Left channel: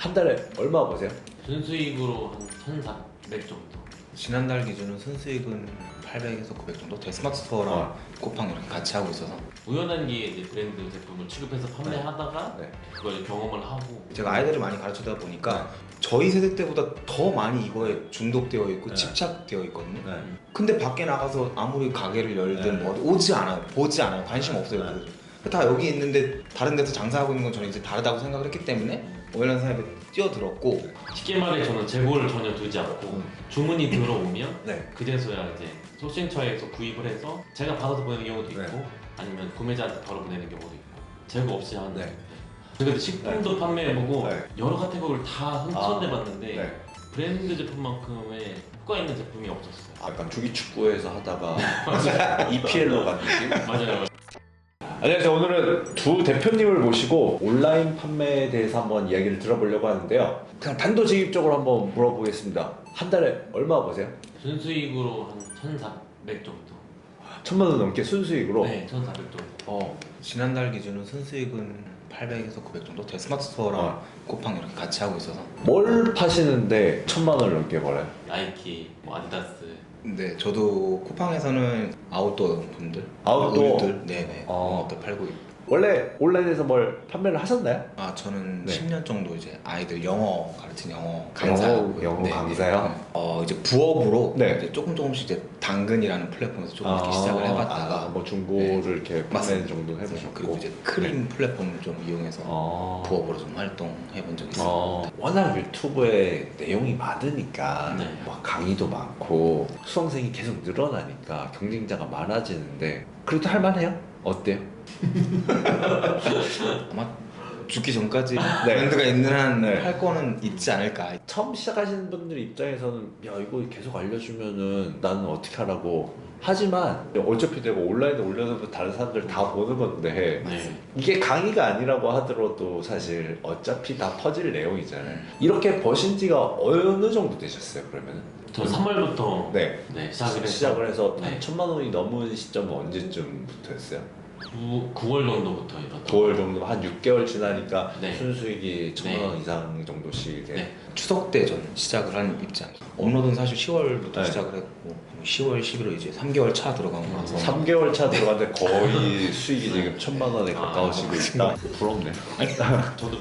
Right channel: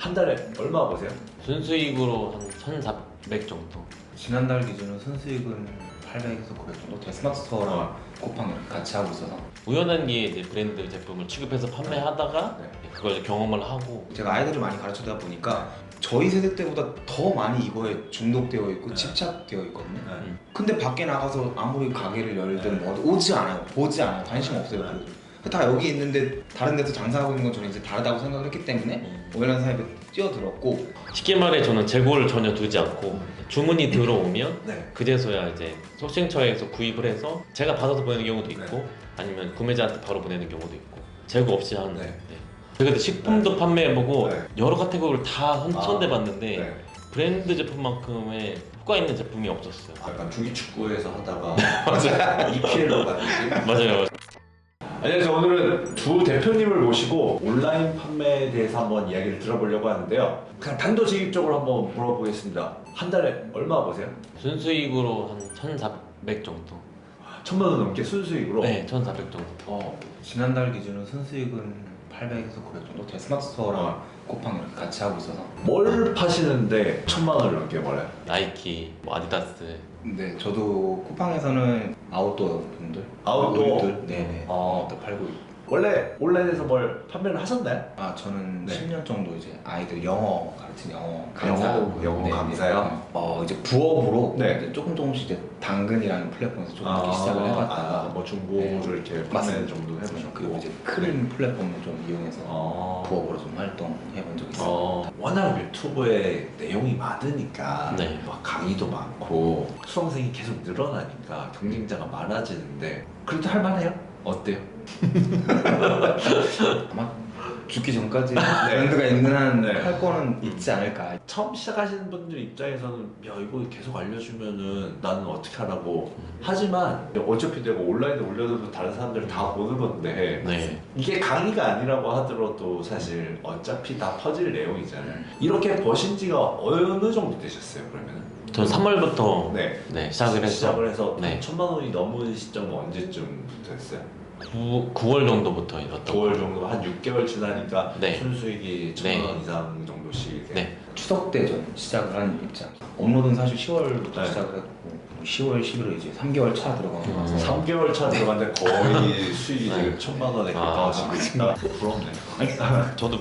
한 달에 얼마 버세요? 순수익으로 한 1,400 정도. 지난달 기준은 순수익은 800에서 900 정도? 데스마트 스토어랑 쿠팡 이렇게 같이 하고 있어서 우연한 게 이제 브랜드 제품을 취급해서 판매하다가 네. 그걸 이제 경험을 하고. 제가 아이들을 많이 가르치다 보니까 저희 세대 때보다 더 많이 이거에 중독되어 있고 집착되어 있거든요. 근데 밖에 나가서 아무리 가게를 열든 뭐 오지 않아요. 보지 않아요. 관심 없어요. 다 여기 있는데 다른 데서 장사하고 있는 건 저는 이제 다르다고 생각을 했기 때문에 온라인 사업에 뛰어들었고, 쉽게 말해 저는 재고를 전혀 두지 않고 주문이 들어오면 네. 그제서야 이제 소싱처에서 구입을 해서 제가 받아서 보내는 경우도 있고 네. 아니면 구매자한테 바로 보내는 경우도 있고 재고 없이 하는. 네. 제가 식품도 판매해보고 네. 여러 카테고리를 다 선대봤는데 네. 브랜드 제품만큼의 효과 있는 제품이 없었어요. 약간 주기축구에서 하다가 EPL로 가는 느낌? 맞아요. 안녕하세요. 오늘은 두 대표님을 모시고 온라인 판매에 대해서 한번 이야기를 들어보려고 하는데요. 그냥 단도직입적으로 한번 물어보겠습니다. 한 달에 얼마 버세요? 순수익으로 한 1,400 정도. 1,000만 원 넘게 순수익으로? 네, 1,400 정도. 지난달 기준은 순수익은 800에서 900 정도? 데스마트 스토어랑 쿠팡 이렇게 같이 하고 있어서. 뭘 파시는데 1,000만 원을 넘게 벌어요? 나이키, 뭐 아디다스. 네, 저도 쿠팡에서는 아웃도어 용품들, 아웃도어? 의류들, 네네, 또 팔고 있고. 원래 온라인에서 뭘 판매를 하셨나요? 저는 네. 10년 정도 이제 아이들 영어 가르치는 영어 강사하고요. 영어 강사요? 이제 부업으로 네. 이제 조금씩 이제 당근이라는 플랫폼에서 조금 이렇게 시작을 해봤다가 뭐 중고를 네. 이렇게 판매 맞습니다. 정도 해보셨고 그리고 이제 크림 플랫폼을 좀 이용해서 부업으로 좀 활동해본 적이 있습니다. 워낙 유튜브에 내용이 많으니까 네. 막 강의도 많고 수강생이 계속 늘어나니까 경쟁자가 많아지는데 그래도 할만해요? 어때요? 아마 죽기 전까지 네. 브랜드가 있는 한 네. 할 거는 있지 않을까. 처음 시작하시는 분들 입장에서는 야 이거 계속 알려주면은 나는 어떻게 하라고 하지만 어차피 내가 온라인에 올려놓고 다른 사람들 다 보는 건데 네. 이게 강의가 아니라고 하더라도 사실 어차피 다 퍼질 내용이잖아요. 이렇게 버신 지가 어느 정도 되셨어요 그러면? 저 3월부터 네. 시작을 했죠. 시작을 해서 네. 1,000만 원이 넘은 시점은 언제쯤부터 했어요? 9월 정도부터 이렇게. 9월 정도 한 6개월 지나니까 네. 순수익이 1,000만 원 네. 이상 정도씩 이렇게 네. 추석 때 전 시작을 하는 입장. 업로드는 사실 10월부터 네. 시작을 했고 10월, 11월 이제 3개월 차 들어가는 거라서 3개월 차 들어갔는데 거의 수익이 지금 1,000만 원에 가까워지고 있다. 부럽네요. 저도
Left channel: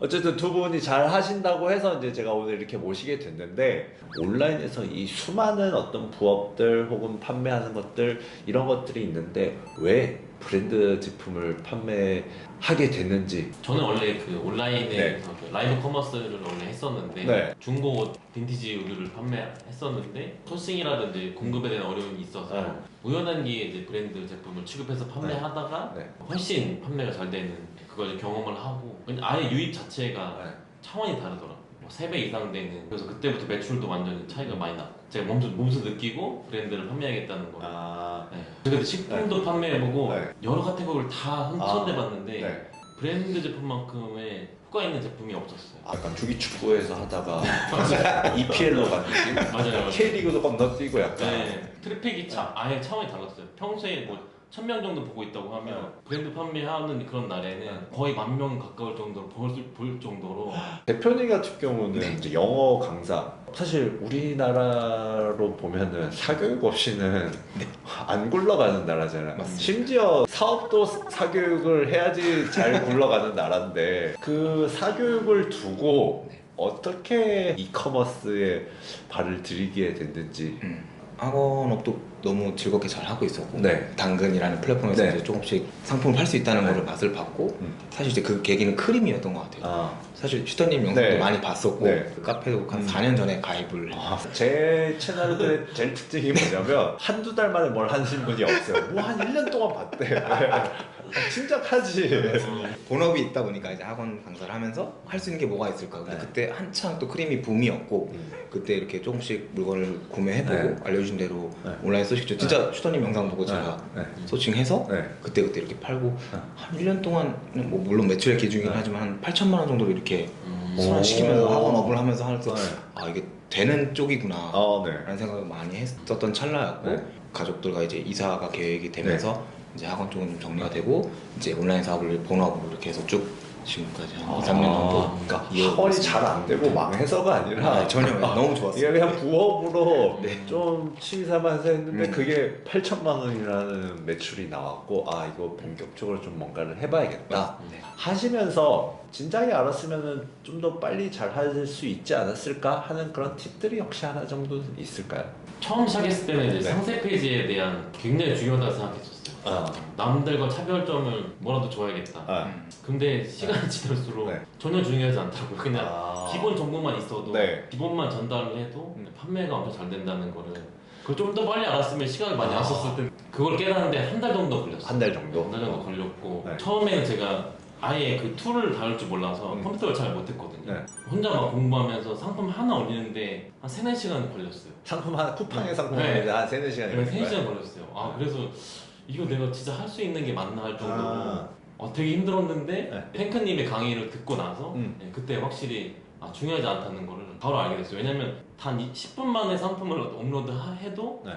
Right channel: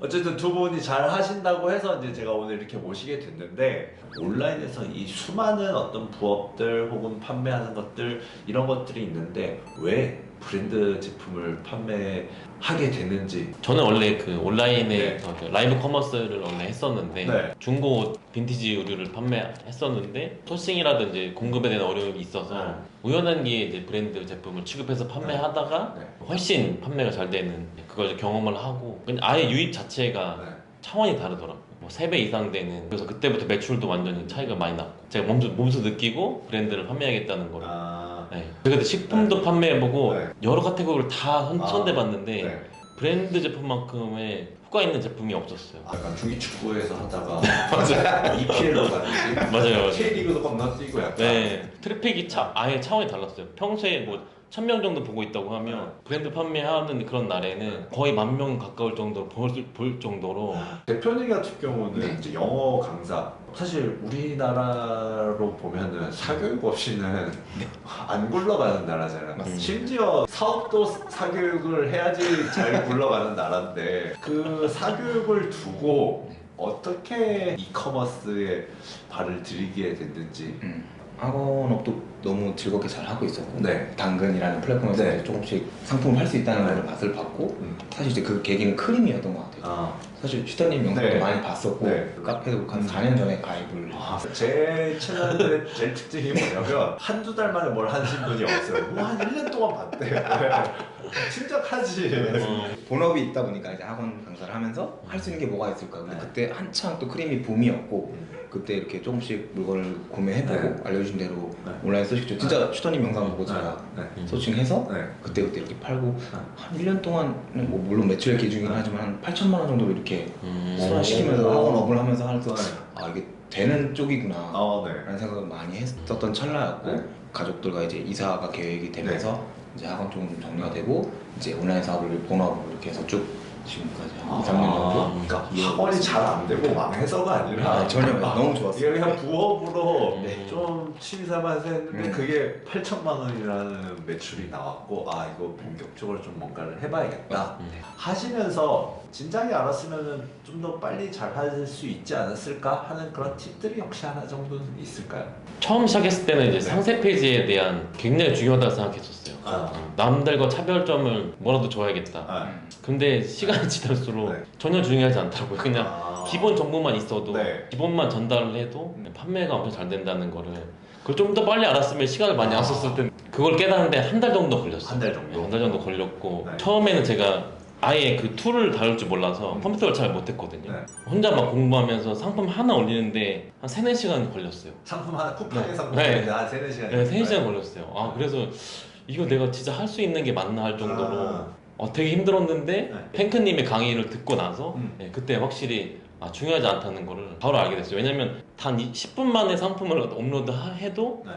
어쨌든 두 분이 잘 하신다고 해서 이제 제가 오늘 이렇게 모시게 됐는데 온라인에서 이 수많은 어떤 부업들 혹은 판매하는 것들 이런 것들이 있는데 왜 브랜드 제품을 판매하게 됐는지. 저는 원래 그 온라인에 네. 그 라이브 커머스를 원래 했었는데 네. 중고 옷, 빈티지 의류를 판매했었는데 소싱이라든지 공급에 대한 어려움이 있어서 우연한 게 이제 브랜드 제품을 취급해서 판매하다가 네. 훨씬 판매가 잘 되는 그걸 이제 경험을 하고 그냥 아예 유입 자체가 네. 차원이 다르더라고요. 뭐 3배 이상 되는. 그래서 그때부터 매출도 완전히 차이가 많이 나. 제가 몸소 느끼고 브랜드를 판매하겠다는 걸. 네. 제가 그때 식품도 판매해보고 네. 여러 카테고리를 다 선대봤는데 네. 브랜드 제품만큼의 효과 있는 제품이 없었어요. 약간 주기축구에서 하다가 EPL로 가는 느낌? 맞아요. K리그도 건너뛰고 약간. 네, 트래픽이 아예 차원이 달랐어요. 평소에 뭐 1,000명 정도 보고 있다고 하면 브랜드 판매하는 그런 날에는 거의 10,000명 가까울 정도로 볼 정도로. 대표님 같은 경우는 네. 이제 영어 강사. 사실 우리나라로 보면은 사교육 없이는 안 굴러가는 나라잖아요. 맞습니다. 심지어 사업도 사교육을 해야지 잘 굴러가는 나라인데 그 사교육을 두고 어떻게 이커머스에 발을 들이게 됐는지. 학원업도 너무 즐겁게 잘 하고 있었고 네. 당근이라는 플랫폼에서 네. 이제 조금씩 상품을 팔 수 있다는 네. 걸 맛을 봤고 사실 이제 그 계기는 크림이었던 것 같아요. 아, 사실 슈터님 영상도 네. 많이 봤었고 네. 그 카페도 한 4년 전에 가입을 제 채널의 제일 특징이 뭐냐면 한두 달 만에 뭘 하신 분이 없어요. 뭐 한 1년 동안 봤대요. 침착하지. 본업이 있다 보니까 이제 학원 강사를 하면서 할 수 있는 게 뭐가 있을까. 근데 네. 그때 한창 또 크림이 붐이었고 그때 이렇게 조금씩 물건을 구매해보고 네. 알려준 대로 네. 온라인 소식죠. 진짜 슈터님 영상 보고 제가 소칭해서 네. 그때 이렇게 팔고 한 1년 동안 뭐 물론 매출의 기준이긴 하지만 한 8,000만 원 정도로 이렇게 순환시키면서 학원업을 하면서 하면서 이게 되는 쪽이구나 네. 라는 생각을 많이 했었던 찰나였고 네. 가족들과 이제 이사가 계획이 되면서 이제 학원 쪽은 좀 정리가 되고 이제 온라인 사업을 본업으로 이렇게 해서 쭉 지금까지 한 2, 3년 정도. 그러니까 예, 학원이 잘 안 되고 망해서가 아니라 전혀 너무 좋았어요. 이게 그냥 부업으로 네. 좀 취미 삼아서 했는데 그게 8천만 원이라는 매출이 나왔고 아 이거 본격적으로 좀 뭔가를 해봐야겠다 하시면서 진작에 알았으면 좀 더 빨리 잘 할 수 있지 않았을까 하는 그런 팁들이 혹시 하나 정도 있을까요? 처음 시작했을 때는 이제 네. 상세 페이지에 대한 굉장히 중요하다고 생각했었어요. 아, 남들과 차별점을 뭐라도 줘야겠다. 아, 근데 시간이 지날수록 네. 전혀 중요하지 않더라고요. 그냥 아. 기본 정보만 있어도 네. 기본만 전달을 해도 판매가 엄청 잘 된다는 거를 그걸 좀 더 빨리 알았으면 시간을 많이 안 썼을 텐데 그걸 깨닫는데 한 달 정도 걸렸어요. 한 달 정도? 한 달 정도 걸렸고 네. 처음에는 제가 아예 그 툴을 다룰 줄 몰라서 컴퓨터를 잘 못했거든요. 네. 혼자 막 공부하면서 상품 하나 올리는데 한 3, 4시간 걸렸어요. 상품 하나 쿠팡의 상품 네. 한 3, 4시간 네, 3시간 걸렸어요. 아 그래서 이거 내가 진짜 할 수 있는 게 맞나 할 정도로 아. 되게 힘들었는데 네. 탱크님의 강의를 듣고 나서 음. 그때 확실히 중요하지 않다는 거를 바로 알게 됐어요. 왜냐면 단 10분 만에 상품을 업로드해도 네.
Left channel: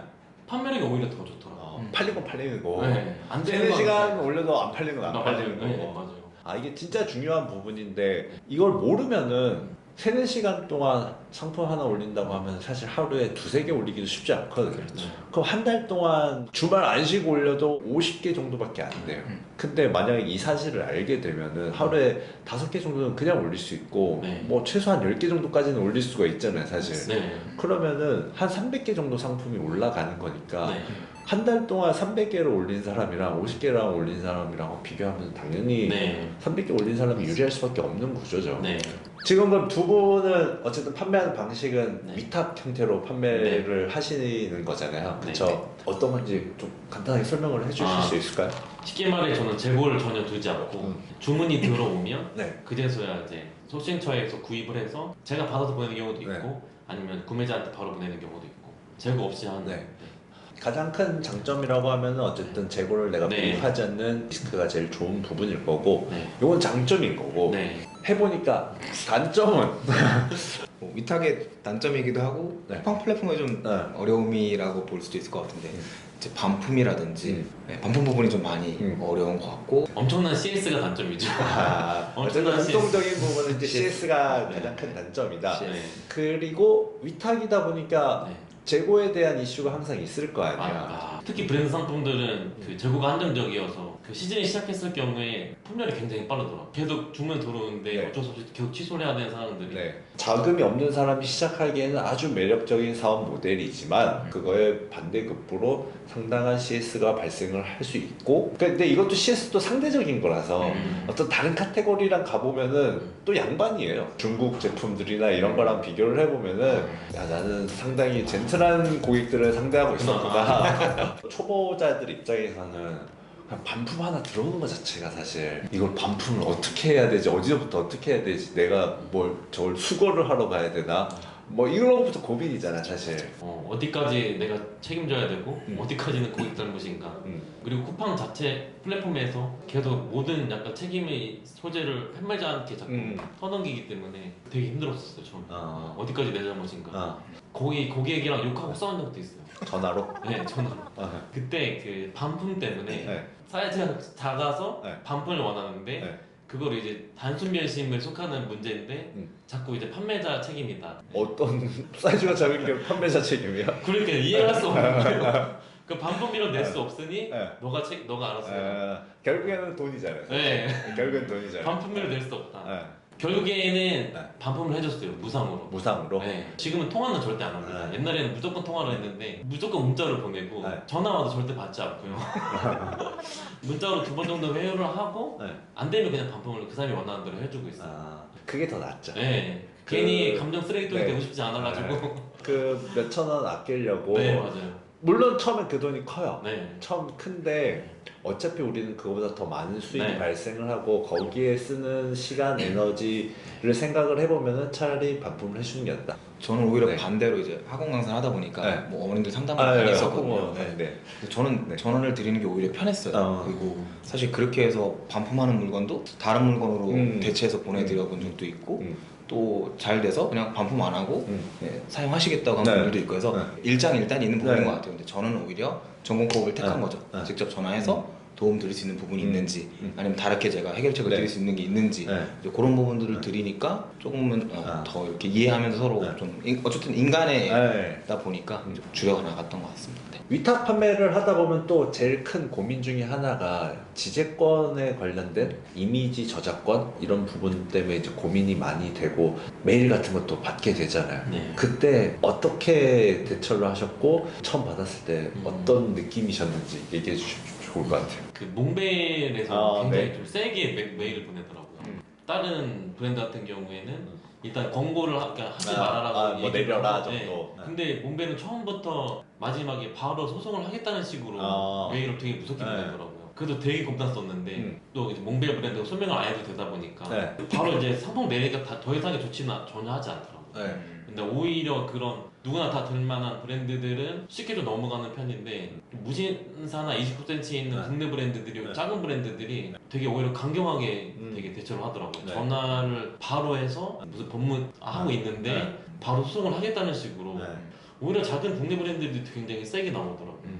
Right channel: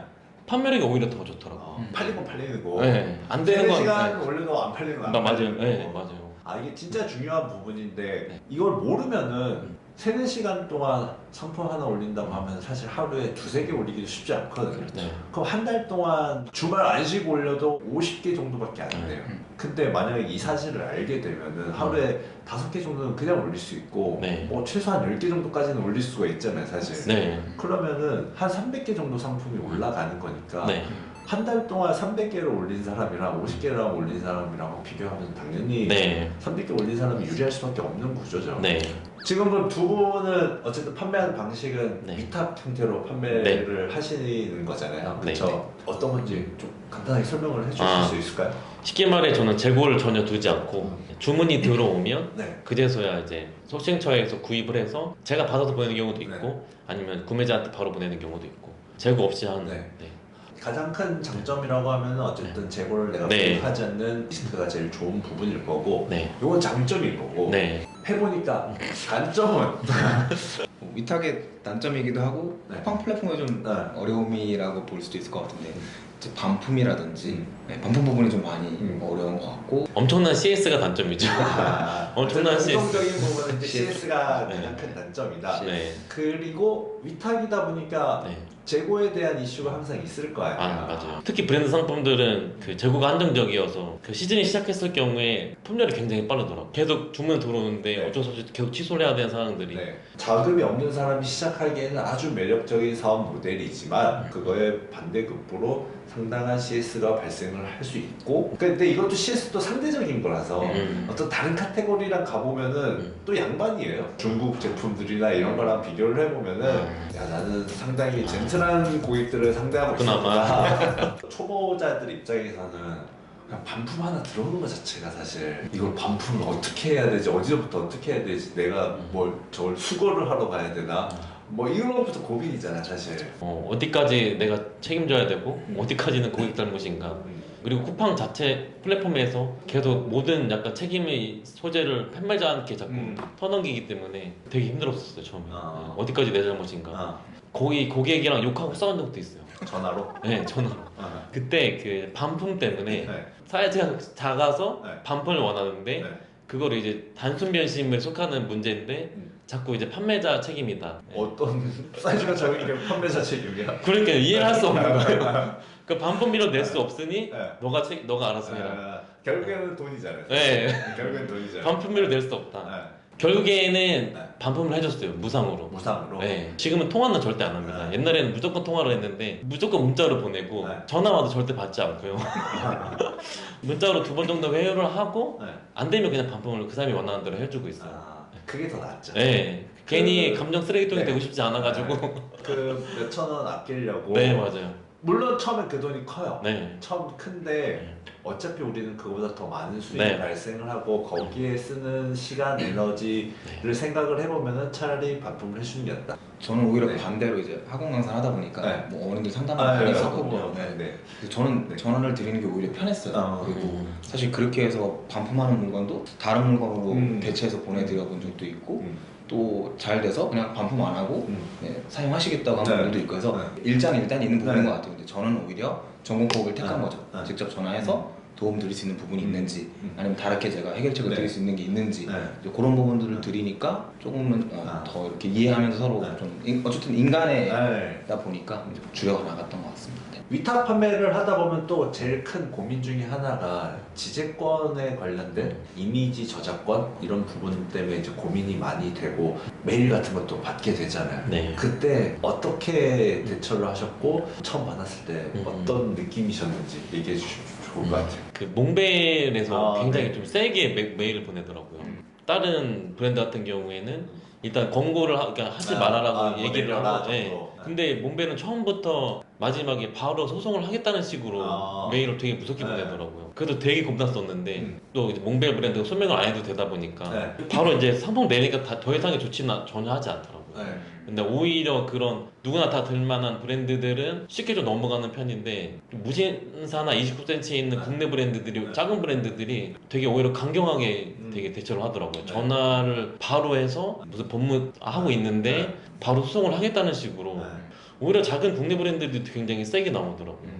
판매력이 오히려 더 좋더라고요. 팔리고 팔리는 거 네, 안 되는 건 3시간 올려도 안 팔리는 거안 맞아요. 팔리는 거. 네, 맞아요. 아 이게 진짜 중요한 부분인데 네. 이걸 모르면은 3, 4시간 동안 상품 하나 올린다고 하면 사실 하루에 2, 3개 올리기도 쉽지 않거든요. 네. 그럼 한 달 동안 주말 안 쉬고 올려도 50개 정도밖에 안 돼요. 근데 만약에 이 사실을 알게 되면은 하루에 5개 정도는 그냥 올릴 수 있고 네. 뭐 최소한 10개 정도까지는 올릴 수가 있잖아요 사실. 네. 그러면은 한 300개 정도 상품이 올라가는 거니까 네. 한 달 동안 300개를 올린 사람이랑 50개랑 올린 사람이랑 비교하면 당연히 네. 300개 올린 사람이 유리할 수밖에 없는 구조죠. 네. 지금 그럼 두 분은 어쨌든 판매하는 방식은 네. 위탁 형태로 판매를 하시는 거잖아요. 네. 그렇죠? 어떤 건지 좀 간단하게 설명을 해주실 수 있을까요? 쉽게 말해 저는 재고를 전혀 두지 않고 주문이 들어오면 네. 그제서야 이제 소싱처에서 구입을 해서 제가 받아서 보내는 경우도 있고 네. 아니면 구매자한테 바로 보내는 경우도 있고 재고 없이 하는 네. 가장 큰 장점이라고 하면은 어쨌든 재고를 내가 네. 구입하지 않는 리스크가 제일 좋은 부분일 거고 네. 이건 장점인 거고 네. 해보니까 단점은 뭐 위탁의 단점이기도 하고 네. 쿠팡 플랫폼의 좀 네. 어려움이라고 볼 수도 있을 것 같은데 이제 반품이라든지 음. 반품 부분이 좀 많이 어려운 것 같고 엄청난 CS가 단점이죠. 어쨌든 엄청난 CS. 공통적인 부분은 이제 CS. CS가 네. 가장 큰 단점이다. 네. 그리고 위탁이다 보니까 네. 재고에 대한 이슈가 항상 있을 거 아니야. 맞아요. 특히 브랜드 상품들은 그 재고가 한정적이어서 그 시즌이 시작했을 경우에 품절이 굉장히 빠르더라고요. 계속 주문 들어오는데 네. 어쩔 수 없이 계속 취소를 해야 되는 상황들이 네. 자금이 없는 사람이 시작하기에는 아주 매력적인 사업 모델이지만 그거에 반대급부로 상당한 CS가 발생을 할 수 있고 근데 이것도 CS도 상대적인 거라서 어떤 다른 카테고리랑 가보면은 또 양반이에요. 중국 제품들이나 이런 거랑 비교를 해보면은 야 나는 상당히 젠틀한 고객들을 상대하고 있구나. 초보자들 입장에서는 그냥 반품 하나 들어오는 것 자체가 사실 이걸 반품을 어떻게 해야 되지 어디서부터 어떻게 해야 되지 내가 뭘 저걸 수거를 하러 가야 되나 뭐 이런 것부터 고민이잖아 사실. 어디까지 내가 책임져야 되고 어디까지는 고객 잘못인가 그리고 쿠팡 자체 플랫폼에서 계속 모든 약간 책임의 소재를 판매자한테 자꾸 터넘기기 때문에 되게 힘들었었어요 처음에. 어디까지 내 잘못인가. 거의 고객이랑 욕하고 싸운 적도 있어요. 전화로? 네, 전화로. 그때 그 반품 때문에 네. 사이즈가 작아서 네. 반품을 원하는데 네. 그거를 이제 단순 변심에 속하는 문제인데 자꾸 이제 판매자 책임이다. 어떤 사이즈가 작으니까 판매자 책임이야? 그러니까 이해할 수 없는 거예요. 그 반품비로 낼 수 없으니 네. 너가 알아서 해라. 결국에는 돈이잖아요. 네. 결국엔 돈이잖아요. 반품비로 낼 수 없다. 네. 결국에는 네. 반품을 해줬어요 무상으로. 무상으로. 네. 지금은 통화는 절대 안 합니다. 네. 옛날에는 무조건 통화를 했는데 무조건 문자로 보내고 네. 전화 와도 절대 받지 않고요. 문자로 2번 정도 회유를 하고 네. 안 되면 그냥 반품을 그 사람이 원하는 대로 해주고 있어요. 그게 더 낫죠. 네. 괜히 감정 쓰레기통이 네. 되고 싶지 않아가지고. 그 몇천 원 아끼려고. 네 맞아요. 물론 처음에 그 돈이 커요. 네. 처음 큰데 어차피 우리는 그거보다 더 많은 수익이 네. 발생을 하고 거기에 쓰는 시간, 에너지를 생각을 해보면은 차라리 반품을 해주는 게 낫다. 저는 오히려 네. 반대로 이제 학원 강사를 하다 보니까 네. 뭐 어머님들 상담을 많이 했었거든요. 네, 네. 그래서 저는 네. 전원을 드리는 게 오히려 편했어요. 그리고 사실 그렇게 해서 반품하는 물건도 다른 물건으로 대체해서 보내드려 본 적도 있고 또 잘 돼서 그냥 반품 안 하고 네, 사용하시겠다고 하는 네. 분들도 있고 해서 네. 일장일단 있는 부분인 네. 것 같아요. 근데 저는 오히려 전공법을 택한 네. 거죠. 네. 직접 전화해서 도움 드릴 수 있는 부분이 있는지 아니면 다르게 제가 해결책을 네. 드릴 수 있는 게 있는지 네. 이제 그런 부분들을 드리니까 조금은 더 이렇게 이해하면서 서로 좀 어쨌든 인간이다 보니까 이제 줄여 나갔던 것 같습니다. 네. 위탁 판매를 하다 보면 또 제일 큰 고민 중에 하나가 지재권에 관련된 이미지 저작권 이런 부분 때문에 이제 고민이 많이 되고 메일 같은 것도 받게 되잖아요. 네. 그때 어떻게 대처를 하셨고 처음 받았을 때 어떤 느낌이셨는지 얘기해 주시면 좋을 것 같아요. 그 몽벨에서 아, 굉장히 네. 좀 세게 메일을 보내더라고요. 다른 브랜드 같은 경우에는 일단 권고를 그러니까 하지 말아라고 얘기를 하고 네. 근데 몽벨은 처음부터 마지막에 바로 소송을 하겠다는 식으로 메일을 되게 무섭게 보내더라고요. 그래도 되게 겁났었는데 또 이제 몽벨 브랜드가 소명을 안 해도 되다 보니까 바로 이제 상품 내니까 더 이상의 조치는 전혀 하지 않더라고요. 근데 오히려 그런 누구나 다 들만한 브랜드들은 쉽게 좀 넘어가는 편인데 무신사나 29cm에 있는 국내 브랜드들이 작은 브랜드들이 되게 오히려 강경하게 되게 대처를 하더라고요. 전화를 바로 해서 무슨 법무하고 있는데 바로 소송을 하겠다는 식으로 오히려 작은 국내 브랜드들이 굉장히 세게 나오더라고요.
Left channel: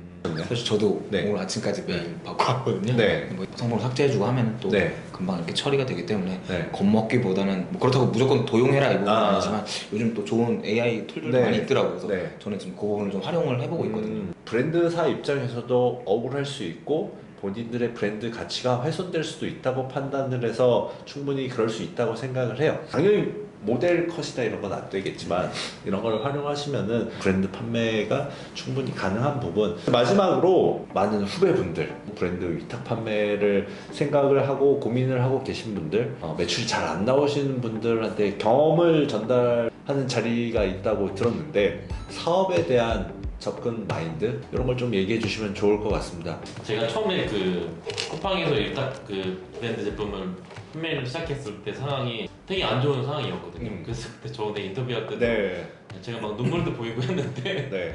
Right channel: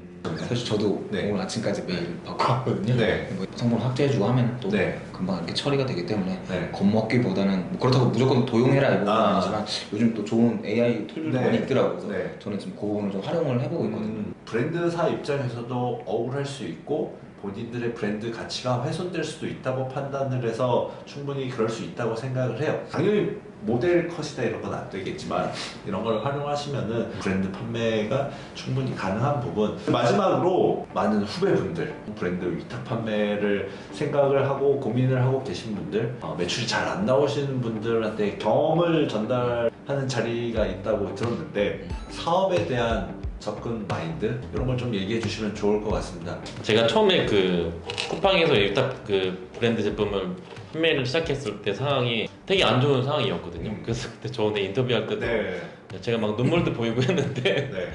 사실 저도 네. 오늘 아침까지 메일 받고 왔거든요. 네. 뭐 성분을 삭제해주고 하면 또 네. 금방 이렇게 처리가 되기 때문에 네. 겁먹기보다는 뭐 그렇다고 무조건 도용해라 이건 아. 아니지만 요즘 또 좋은 AI 툴들도 네. 많이 있더라고요. 그래서 네. 저는 지금 그 부분을 좀 활용을 해보고 있거든요. 브랜드사 입장에서도 억울할 수 있고 본인들의 브랜드 가치가 훼손될 수도 있다고 판단을 해서 충분히 그럴 수 있다고 생각을 해요. 당연히 모델 컷이다 이런 건 안 되겠지만 이런 걸 활용하시면은 브랜드 판매가 충분히 가능한 부분. 마지막으로 많은 후배분들 브랜드 위탁 판매를 생각을 하고 고민을 하고 계신 분들 매출이 잘 안 나오시는 분들한테 경험을 전달하는 자리가 있다고 들었는데 사업에 대한 접근 마인드 이런 걸 좀 얘기해 주시면 좋을 것 같습니다. 제가 처음에 그 쿠팡에서 일단 그 브랜드 제품을 판매를 시작했을 때 상황이 되게 안 좋은 상황이었거든요. 그래서 그때 저번에 인터뷰할 때도 제가 막 눈물도 보이고 했는데 네.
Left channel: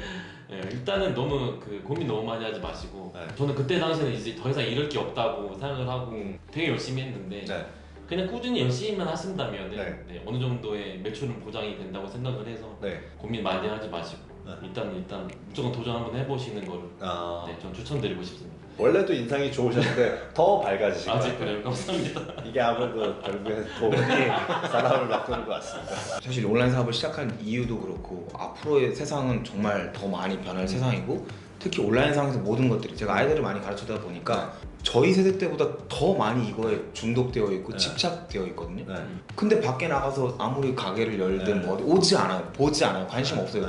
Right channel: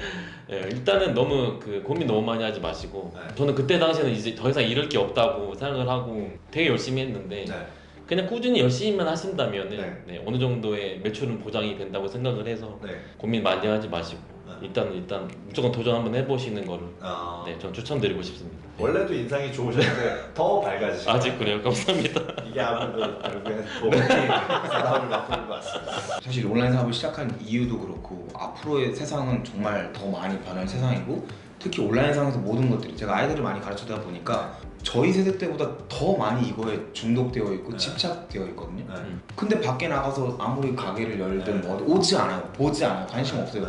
예, 일단은 너무 그 고민 너무 많이 하지 마시고 네. 저는 그때 당시에는 이제 더 이상 잃을 게 없다고 생각을 하고 되게 열심히 했는데 네. 그냥 꾸준히 열심히만 하신다면 네. 어느 정도의 매출은 보장이 된다고 생각을 해서 네. 고민 많이 하지 마시고 일단 무조건 도전 한번 해보시는 거를 네, 전 추천드리고 싶습니다. 원래도 인상이 좋으셨는데 더 밝아지시고 아직 그래요. 감사합니다. 이게 아무래도 결국에는 돈이 사람을 바꾸는 것 같습니다. 사실 온라인 사업을 시작한 이유도 그렇고 앞으로의 세상은 정말 더 많이 변할 세상이고 특히 온라인 상에서 모든 것들이 제가 아이들을 많이 가르치다 보니까 저희 세대 때보다 더 많이 이거에 중독되어 있고 집착되어 있거든요. 근데 밖에 나가서 아무리 가게를 열든 뭐 오지 않아요. 보지 않아요. 관심 없어요.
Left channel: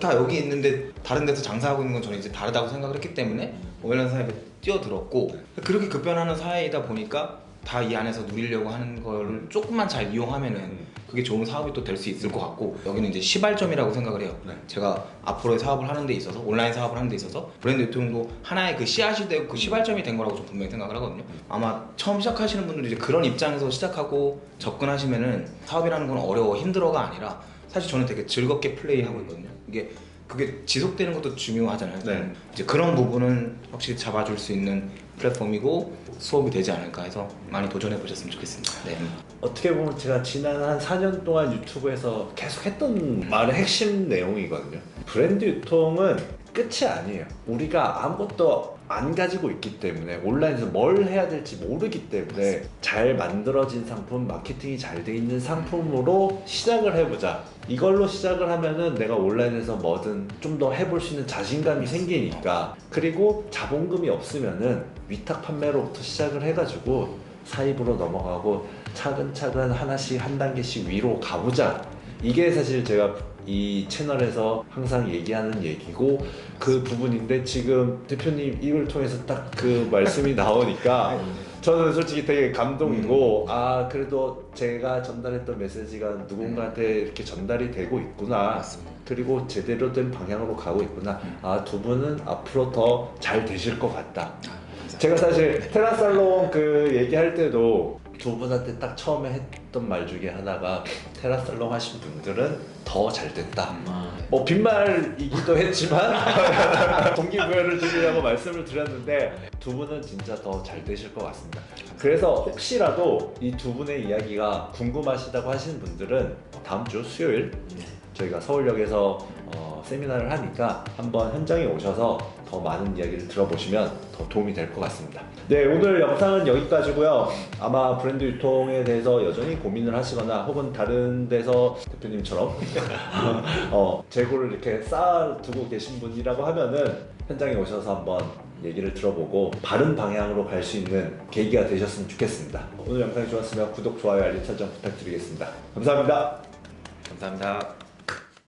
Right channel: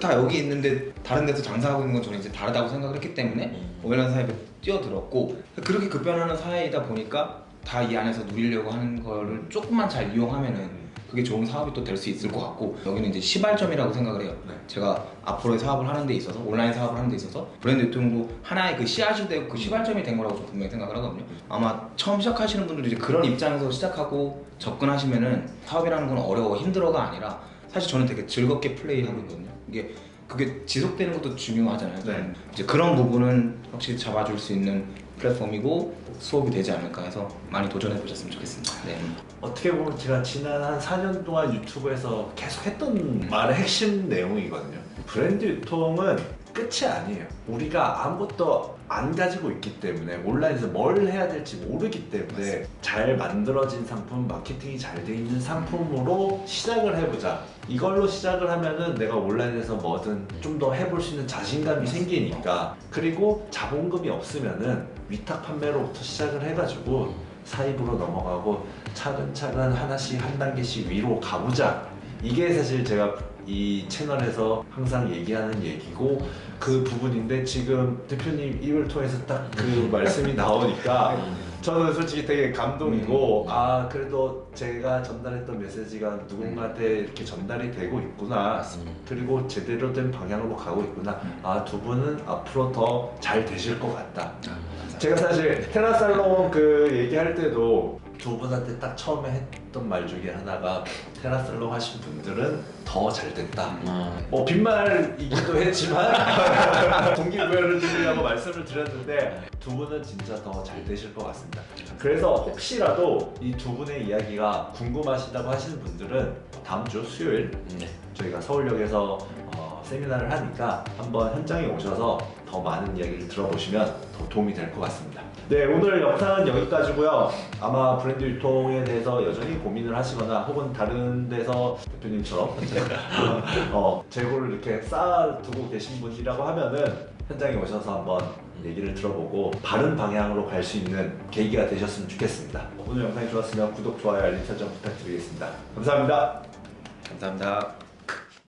다 여기 있는데 다른 데서 장사하고 있는 건 저는 이제 다르다고 생각을 했기 때문에 온라인 사회에 뛰어들었고 그렇게 급변하는 사회이다 보니까 다 이 안에서 누리려고 하는 거를 조금만 잘 이용하면은 그게 좋은 사업이 또 될 수 있을 것 같고 여기는 이제 시발점이라고 생각을 해요. 제가 앞으로의 사업을 하는 데 있어서 온라인 사업을 하는 데 있어서 브랜드 유통도 하나의 그 씨앗이 되고 그 시발점이 된 거라고 좀 분명히 생각을 하거든요. 아마 처음 시작하시는 분들도 이제 그런 입장에서 시작하고 접근하시면은 사업이라는 건 어려워 힘들어가 아니라 사실 저는 되게 즐겁게 플레이하고 있거든요. 그게 지속되는 것도 중요하잖아요. 네. 이제 그런 부분은 확실히 잡아줄 수 있는 플랫폼이고 수업이 되지 않을까 해서 많이 도전해 보셨으면 좋겠습니다. 네. 어떻게 보면 제가 지난 한 4년 동안 유튜브에서 계속 했던 말의 핵심 내용이거든요. 브랜드 유통은 끝이 아니에요. 우리가 아무것도 안 가지고 있기 때문에 온라인에서 뭘 해야 될지 모르기 때문에 잘 만들어진 상품, 마케팅이 잘 돼 있는 상품으로 시작을 해보자. 이걸로 시작을 하면은 내가 온라인에서 뭐든 좀 더 해볼 수 있는 자신감이 생기니까 그리고 자본금이 없으면은 위탁 판매로부터 시작을 해가지고 사입으로 넘어가고 차근차근 하나씩 한 단계씩 위로 가보자. 이게 사실 제가 이 채널에서 항상 얘기하는 얘기고 그 부분인데 지금 대표님 입을 통해서 딱 그 말씀이 나오니까 저는 솔직히 되게 감동이고 아 그래도 제가 전달했던 메시지가 누군가한테 이렇게 전달이 되고 있구나. 그리고 제대로 된 방향으로 가고 있구나. 아 두 분은 앞으로 더 잘 되실 것 같다. 제가 사실 테라살롱 그 얘기할 때도 두 분한테 딱 처음에 했던 말 중에 하나가 테라살롱 하신 분들은 더 잘 됐다. 빈말이기도 했지만 동기부여를 드리려고 말씀을 드렸는데 두 분은 진짜 더 잘 되실 것 같습니다. 그래서 혹시라도 이 두 분의 이야기가 궁금하시다고 하시는 분들은 다음 주 수요일 저희가 서울역에서 세미나를 하니까 한번 현장에 오셔서 더 많은 이야기를 들어보시면 더 도움이 될 것 같습니다. 네, 오늘 영상은 여기까지고요. 아마 브랜드 유통에 대해서 여전히 고민을 하시거나 혹은 다른 데서 대표님처럼 재고를 이렇게 쌓아두고 계신 분이라고 하면은 현장에 오셔서 한번 얘기를 들어보고 바른 방향으로 갈 수 있는 계기가 되셨으면 좋겠습니다. 오늘 영상이 좋았으면 구독, 좋아요, 알림 설정 부탁드리겠습니다. 감사합니다. 감사합니다.